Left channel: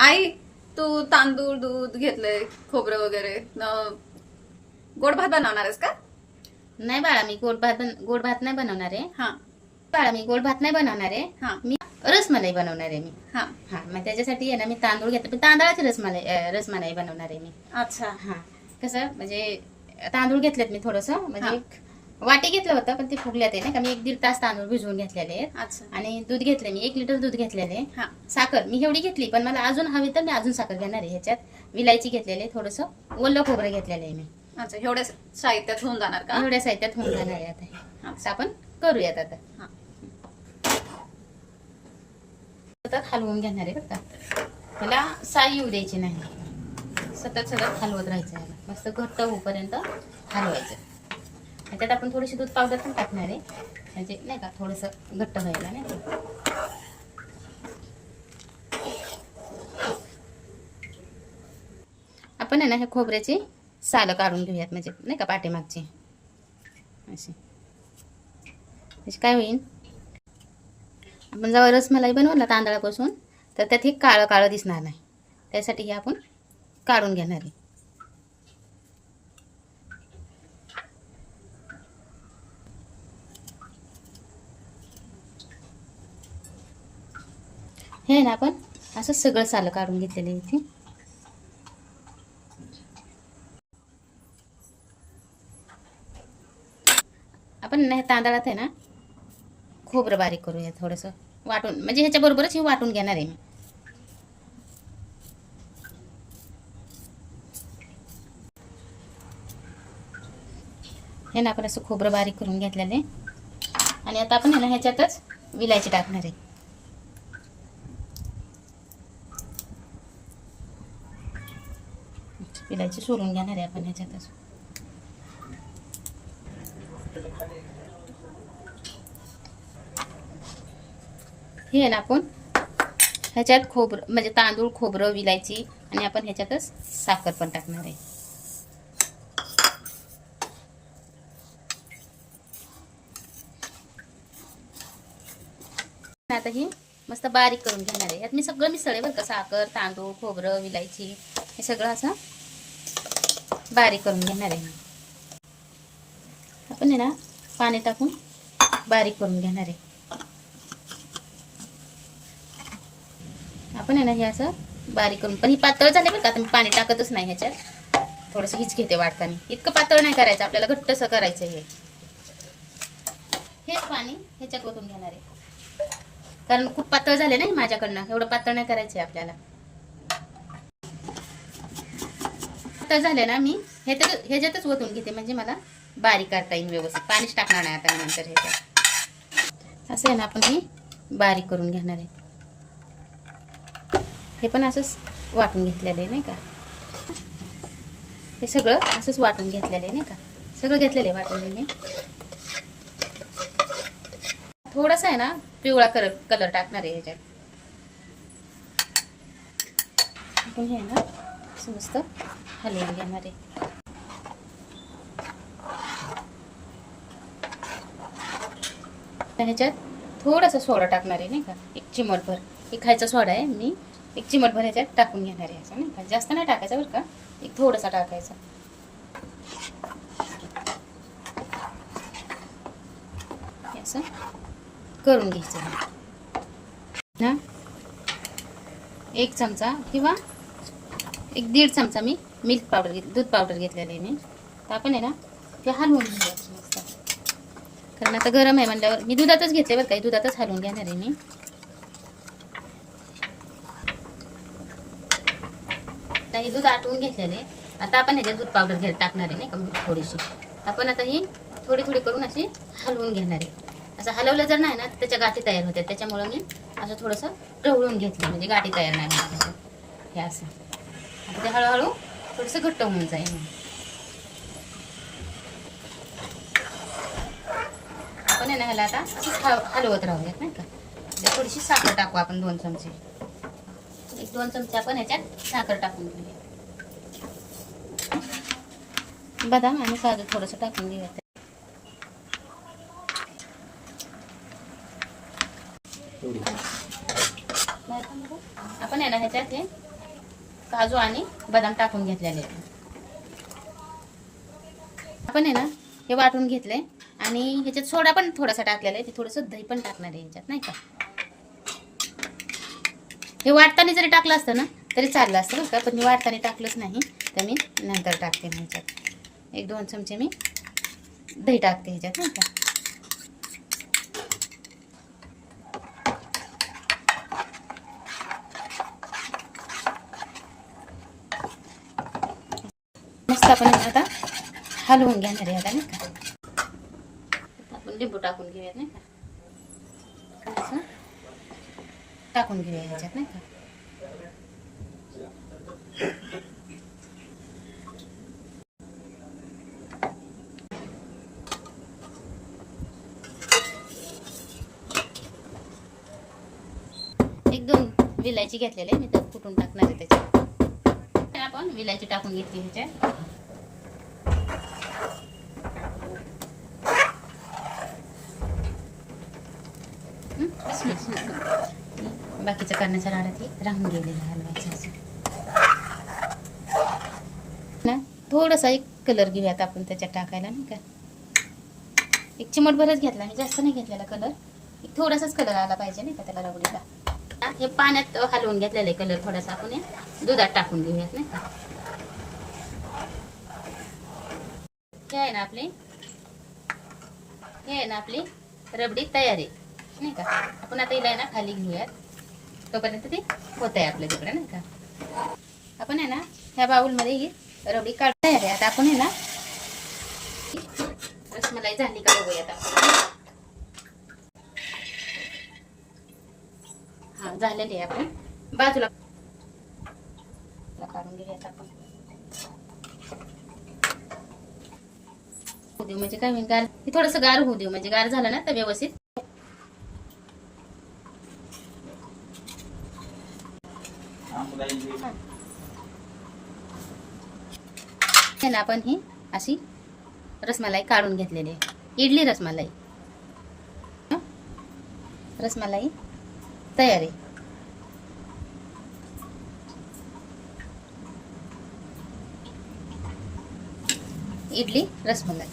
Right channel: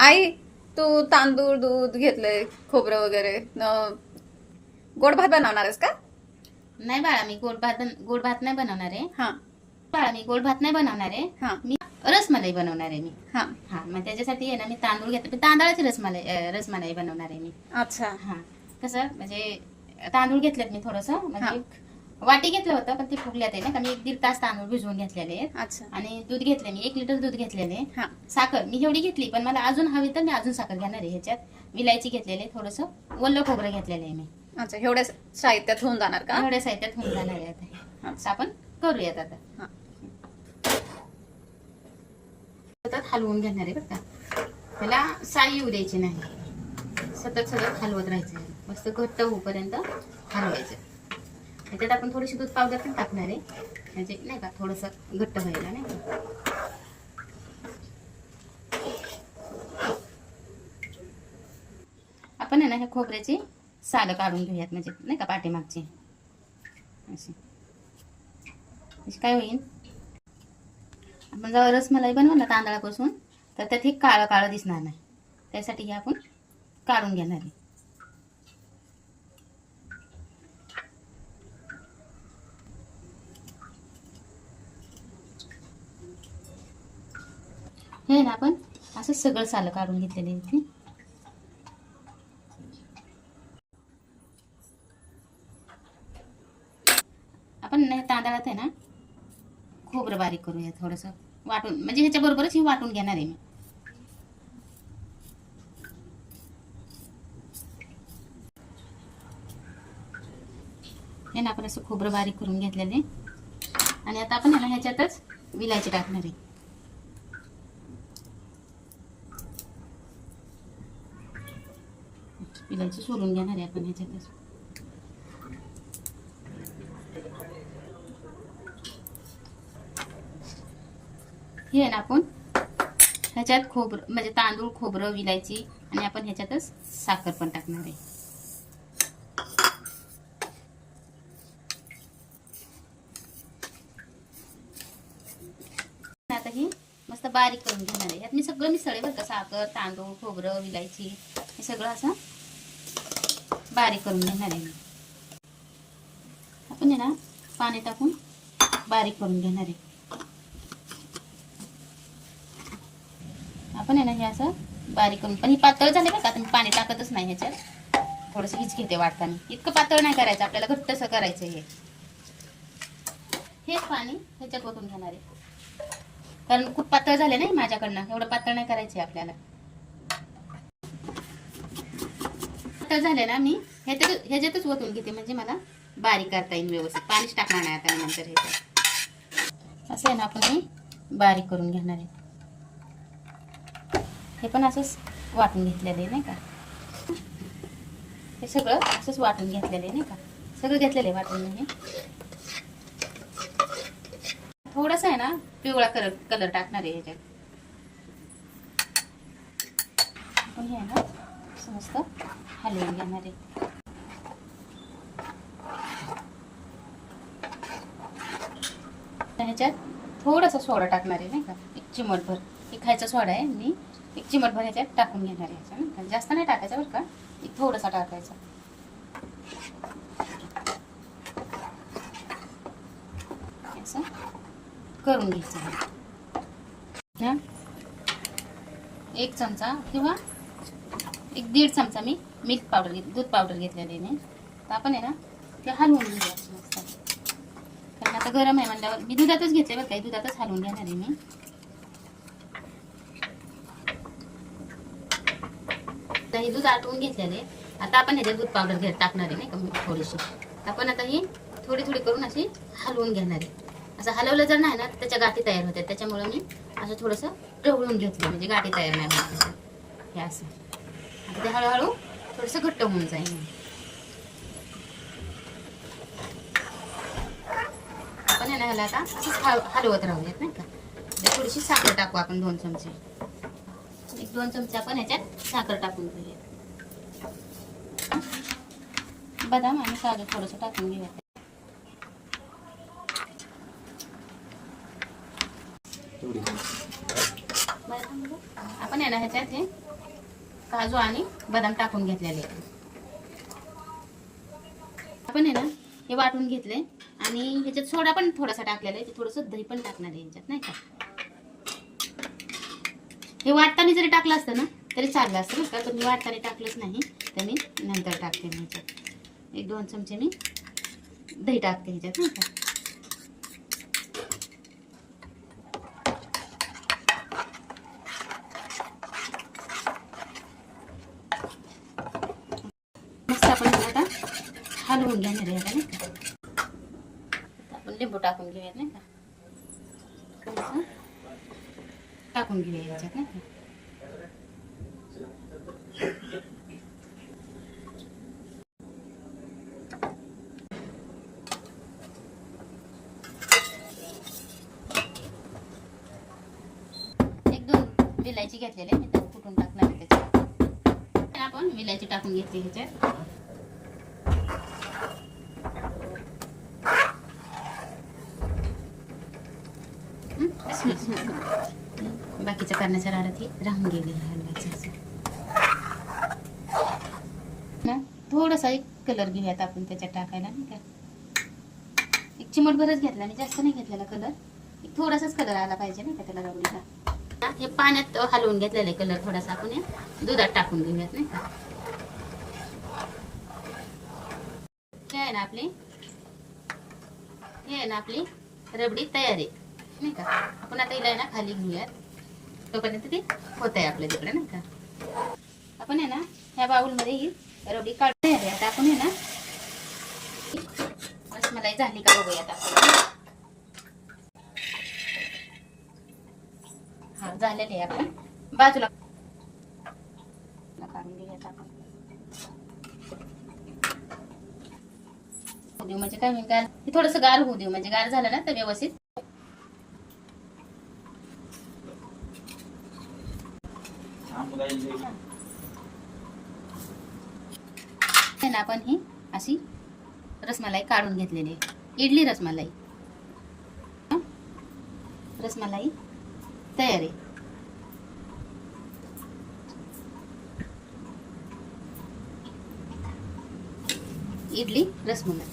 आई, तू तांदूळ दूध घेतलंय, खोबरं वगैरे गोड भात बनवणार आहेस का? नाही बाळा, मी गोड भात नाही बनवणार आहे. हा बाळा, मी गोड भात नाही बनवणार आहे. हा मी रसमलाई बनवणार आहे मी. हा. हा, मग त्याच्यासाठी आहे ना, मी तांदूळ घेतले. तांदळाची रसमलाई बनवणार आहे मी. अच्छा. हा, कसं म्हणजे तांदूळ घेतलेत मी थोडंसं, म्हणजे वाटी घेतलं होतं, पण ते फुगल्यात आहे ना का. मी 1-1.5 तास तांदूळ भिजवून घेतलेले आहेत. अच्छा. आणि दूध घेतले मी 1 लिटर दूध घेतलेले. हा. साखर मी एवढी घेतली, पण मला अजून हवी तर मी अजून साखर घेणार आहे. ह्याच्यात विलायची घेतलेली, थोडंसं ओलं खोबरं घेतलेलं आहे मी. अच्छा, एवढ्या साहित्यात होऊन जाणार का? एवढ्या साहित्यात होऊन जाणार आहे आता. असं आपण करूयात आता. हा. सतत हलवून घेणार आहे बरं का. त्याला साई येऊ द्यायची नाही. सतत हलवत राहायचं आहे. मस्त घट्ट होईपर्यंत हलवायचं. त्याच्यात आपण थोडीशी दूध पावडर पण टाकणार आहे, म्हणजे नाही का थोडंसं घट्ट व्हायला नाही का. आपण आहे ना हे खोबऱ्याची सालं काढून घेऊयात, म्हणजे नाही का पाठीमागची अशी. म्हणजे काय होईल, आपण जेव्हा रसमलाई बनवू ना तांदळापासून, तर त्यात हे काळं काळं दिसणार नाही. त्यासाठी हे आपण काढून घेणार आहे. हे ना आपण असं सगळं सालं काढून घेतलेलं आहे इथे. आपण ना तांदळात आहे ना खोबरं बारीक करूया थोडंसं वाटून, म्हणजे ह्याच्या बरोबरच हे वाटून घेणार आहे मी. हे ना आपण असं खोबरं बारीक करून घेतलेलं आहे. आणि आता आपण आहे ना ह्याच्यातच विलायची टाकणार आहे. विलायची सोलून घेणार आहे आपण ह्याच्यातच. हे ना आपण ह्याच्यात खोबरं, म्हणजे तांदूळ, खोबरं, विलायची, आणि आपण ह्याच्यातच साखर पण टाकणार आहे. आता ही मस्त बारीक करून घेणार आहे. यात मी सगळं मिसळले बरं का. साखर, तांदूळ, खोबरं, विलायची, हे सगळं असं बारीक करून घेणार आहे. आपण आहे ना पाणी टाकून बारीक करून घेणार आहे. आपण आहे ना हे असं बारीक करून, पण ही पातळ झाले बरं का. आता मी पाणी टाकतच नाही ह्याच्यात. थोडंसं हीच घेते वाटताना. इतकं पातळ नाही करायचं आपल्याला, घट्टसं करायचं हे. हेच पाणी ह्याच्यात ओतून घेणार आहे, कारण खूप पातळ झाले नाही माझ्याकडनं. एवढं पातळ नाही करायचे आपल्याला. पातळ झाले ना, मी ह्याच्यातच ओतून घेते, म्हणजे मला बारीक करता येईल व्यवस्थित. पाणीच टाकणार नाही आता नंतर ह्याच्यात. असं आहे ना आपण हे बारीक करून घेणार आहे. हे पण असंच वाटून घेतलेलं आहे नाही का. हे सगळं असंच वाटून घेतलेलं आहे नाही का. सगळं घेतलेलं आहे वाटून. म्हणजे थोडासा आहे ना पिवळा कलर टाकणार आहे ह्याच्यात. आपण हे ना असं मस्त हलवून घेणार आहे. ह्याच्यात थोडासा सोडा टाकणार आहे नाही का, 1 चिमटभर. हे खायचा सोडा आहे, मी 1 चिमटभर ह्याच्यात टाकून घेणार आहे. असं नाही का, जास्त नाही टाकायचा बरं का, एक थोडासा टाकायचा. असं करून घ्यायचं ना. 1 चमचा किंवा 1-1.5 चमचा मी मिल्क पावडर घेतली, दूध पावडर घेतलेली आहे. तर आपण आहे ना ते हलवून घेऊया मस्त, कारण आता गरम आहे म्हटल्यावर. मी दुधातच घेतले बरं काही, दुधातच हलवून घेणार आहे मी. आता हे दूध आटवून घेतलेले. आता आपण ह्याच्यात दूध पावडर टाकणार आहे नाही का थोडीशी. आपण आता ही थोडी थोडी करून अशी हलवून घेणार आहे. असं हलवलं जर नाही ना त्याच्या गाठी तयार होतात, त्याच्यामुळं मी असं थोडंसं ढवळून घेतलं, म्हणजे गाठी तयार नाही होत. हे असं आता ते हळूहळू थोडंसं घट्ट होऊन जाईल. आपण आहे ह्याला आता असंच हलवत राहूयात नाही का. थोडीशी साखर टाकू आपण, 2 चमचे. 1-2 चमचे आपण ह्याच्यात साखर टाकून घेऊया. बदाम आणि काजू थोडंसं टाकून घेऊया. आपण आहे ना ह्याच्यात हे काजू आणि बदाम टाकून घेतलेले आहे. आपण आहे ना हे वाटून घेतले आणि ह्याच्यात सोडा पण थोडासा टाकलेला आहे. ते थोडंसं दही पण टाकणार आहे ह्याच्यात, नाही का. हे वाटताना जरी टाकलं असतं ना तरी चाललं असतं बरं का, पण मी वाटताना टाकलंच नाही, तर मी नंतर टाकते. मी ह्याच्यात 1-2 चमचे मी दही टाकते ह्याच्यात, नाही का. मस्त आपण आता हलवून घेणार आहे आता, नाही का. आपण लिंबू टाकून घेऊयात, नाही का. असं टाकून घेऊया ह्याच्यात, नाही का. एक 2 विलायची घेतलेली आहे मी, तर कुठून टाकणार आहे त्याच्यात. आपण विलायची टाकून घेतली ह्याच्यात. बाकीचं करण्याच्या राहण्यात हे राहून गेलेलं हलवायचं असं ना. थोडासा एक कलर घेऊयात आपण त्याच्यात टाकायला, नाही का. एक चिमटभरच घेतला मी, जास्त नाही घेतलेला कलर. एक थोडासाच कलर आला पाहिजे, नाही का, त्याला रबडीला. हे पाण्यात हलवून घेतलेलं कलर थोडासा आपण हे दुधात टाकून घेऊयात, नाही का. हे आहे ना आपली रबडी तयार आहे, नाही का. आपण आता हिला ना खाली घेऊयात, तोपर्यंत ते होत आहे आपल्या तिकडे, नाही का. आपण आहे ना ह्या बाउलमध्ये ही रबडी काढून आहे. आता आपण आहे ना रसमलाई झाली का बघूयात आपण. हा झालेली आहे. आपण बाजूला काढून घेऊयात आपण. म्हणजे काय होईल, गार थोडस गार होऊ देऊ, म्हणजे गार झालं ना तर व्यवस्थित. आपण ही अशी रसमलाई काढून घेतलेली आहे. इडली रसमलाई तयार आहे. इडली रसमलाई.